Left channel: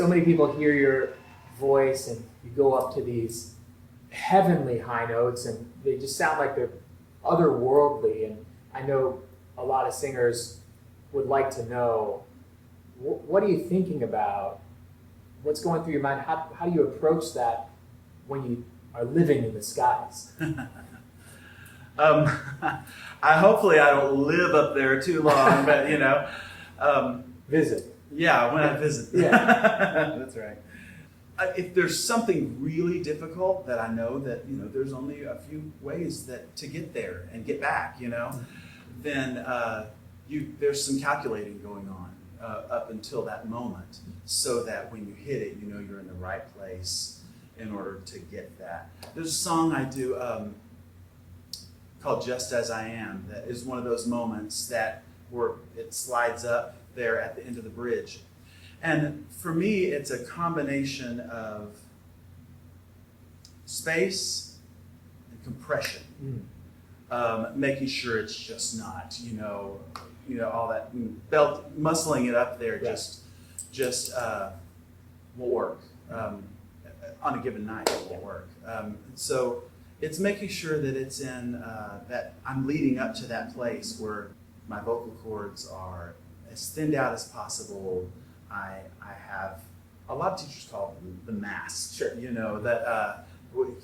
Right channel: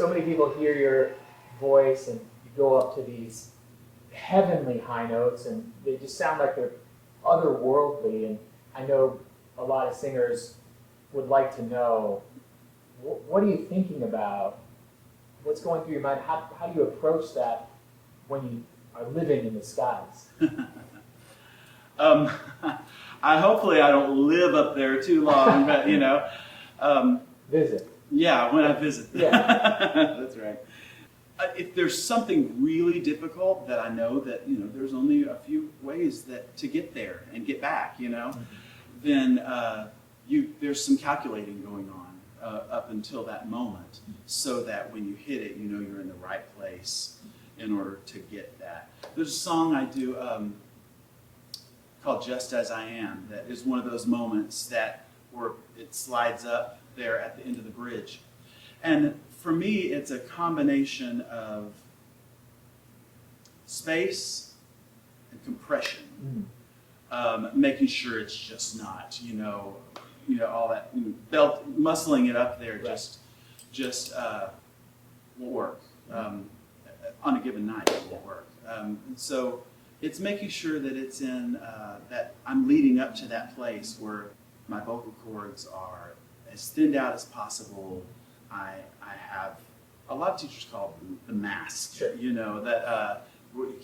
so many people hear your voice and you go up to these heavenly high notes and they just sound like they're otherworldly. And I know a lot of singers would like to know, what are you thinking about? What's going through your mind? How do you approach that when you are living in the skies? Hopefully I don't live up there too long, but Visit. yeah, when I visit. Yeah. That's right. If there's something really difficult that I know that, there's only a few ways to get there and get back, then there's some calculating going on up until that moment, so that when you hit it, you're in the right place in order to get that. There's a song I do called Just As I Am that is one of those moments where it slides up there at the end of the bridge. And for me, it's a combination of space and compression, making sure it's just not, all that belt muscling it up there just won't work on a given night. It won't work. So it's making sure that it's in that I'm leading up to that place where my vocal cords are as thinned out as possible. I have a lot of teachers call them the mask. Sure. That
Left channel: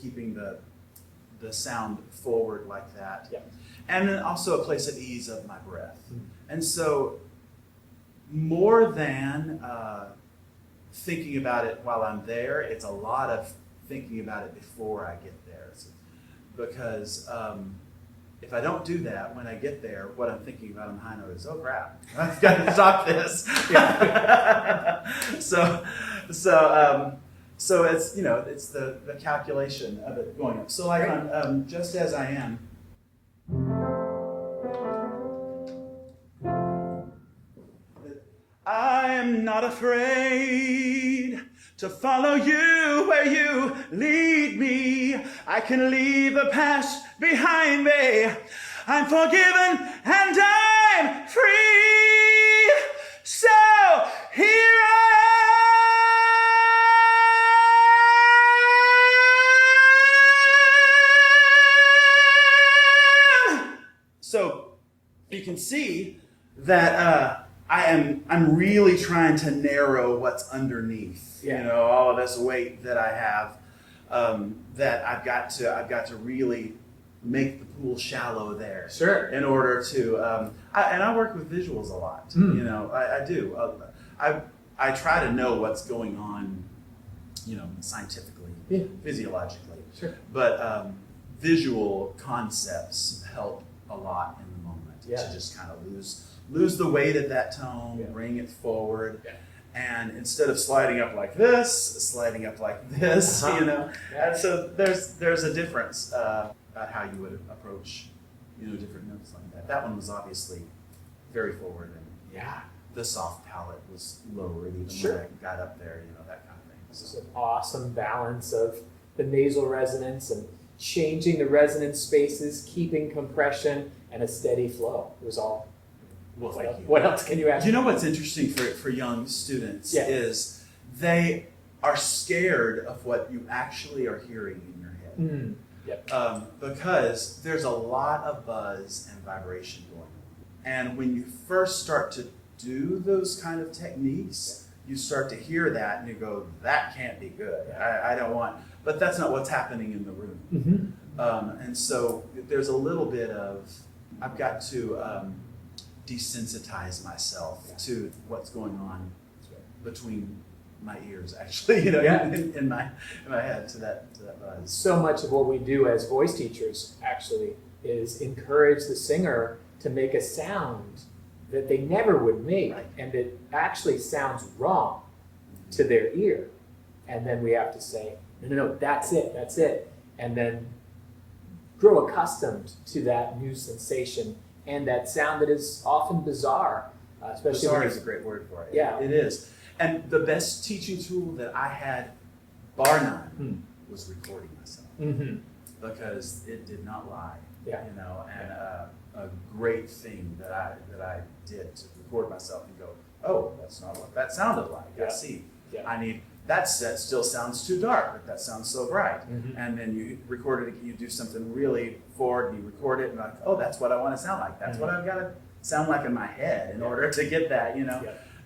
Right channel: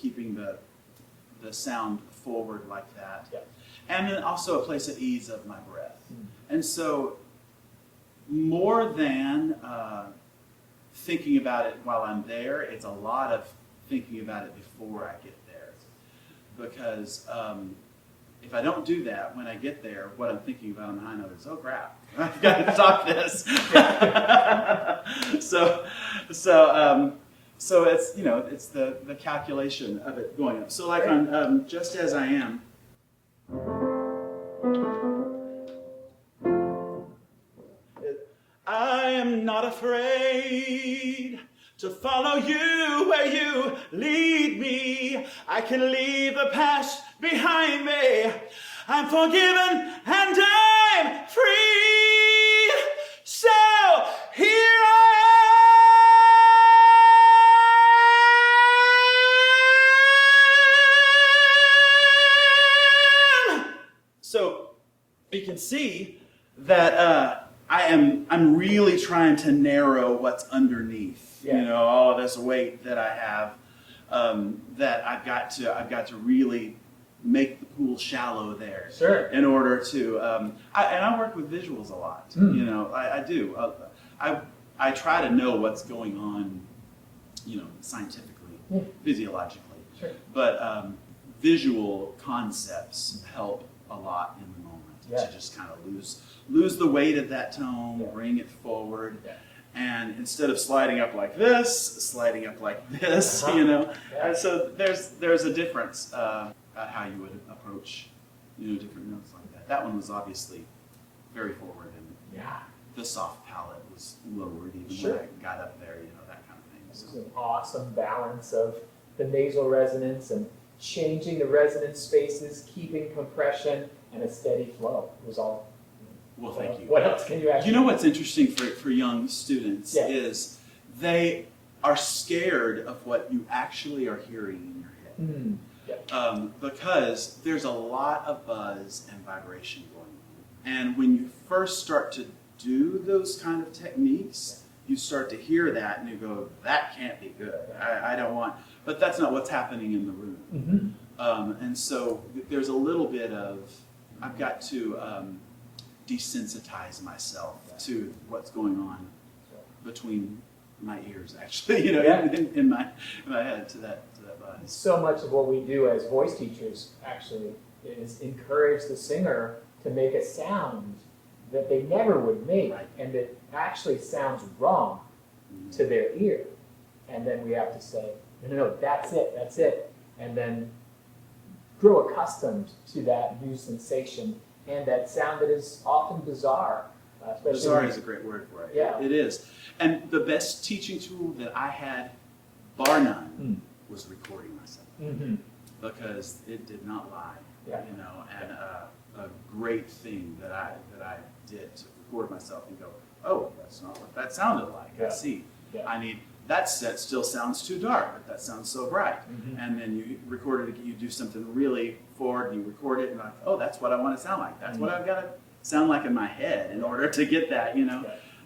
keeping the sound forward like that. Yep. And then also a place of ease of my breath. And so more than thinking about it while I'm there, it's a lot of thinking about it before I get there. Because if I don't do that when I get there, what I'm thinking about on the high note is, oh crap, I've got to stop this. So it's it's the calculation of it going up. So like on Just As I Am. I am not afraid to follow you where you lead me. I can leave the past behind me. I'm forgiven and I'm free. So here I am. So you can see that I'm really trying to narrow what's underneath. All of this weight that I have, that I've got to really make the pool shallow there. Sure. In order to, I work with visuals a lot. I do. I try to know what's going on, scientifically, physiologically. Sure. But visual concepts help a lot in the moment to just kind of lose the weight of that tone, bring it forward, and instead of sliding up like this, sliding up like this, And so there's a difference about how you would approach, different notes like that. That one was obviously very forward, and the soft palate was lowered even when I got up there, that kind of thing. This is an awesome balance of the nasal resonance and changing the resonance spaces, keeping compression, and a steady flow. It was all. Well, thank you. What else can you ask? What's interesting for young students is they are scared of what you actually are hearing in your head. Because there's a lot of buzz and vibration going on. And when you first start to do those kind of techniques, you start to hear that and you go, that can't be good. I don't want, but that's not what's happening in the room. And so there's a little bit of, I've got to desensitize myself to what's going on between my ears, actually, in my head to that buzz. So much of what we do as voice teachers actually is encourage the singer to make a sound that they never would make, and it actually sounds wrong to their ear. And then we have to say, no, that's it. And then grow accustomed to that new sensation and that sound that is often bizarre. Especially Bizarre is a great word for it. Yeah. It is. And the best teaching tool that I had, bar none, was recording myself. Because it did not lie. And a great thing that I did to record myself and go, oh, that's not what that sounded like. I see. I need that set still sounds too dark, but that sounds so bright. And then you record it, you do something really forward, and you record it, and like, oh, that's what I want to sound like. That's what I've got to sound like in my head in order to get that,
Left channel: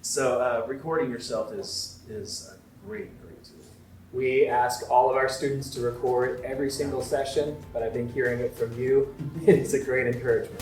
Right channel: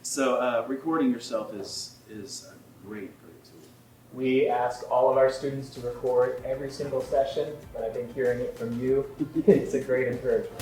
So recording yourself is a great tool. We ask all of our students to record every single session, but I think hearing it from you, it's a great encouragement.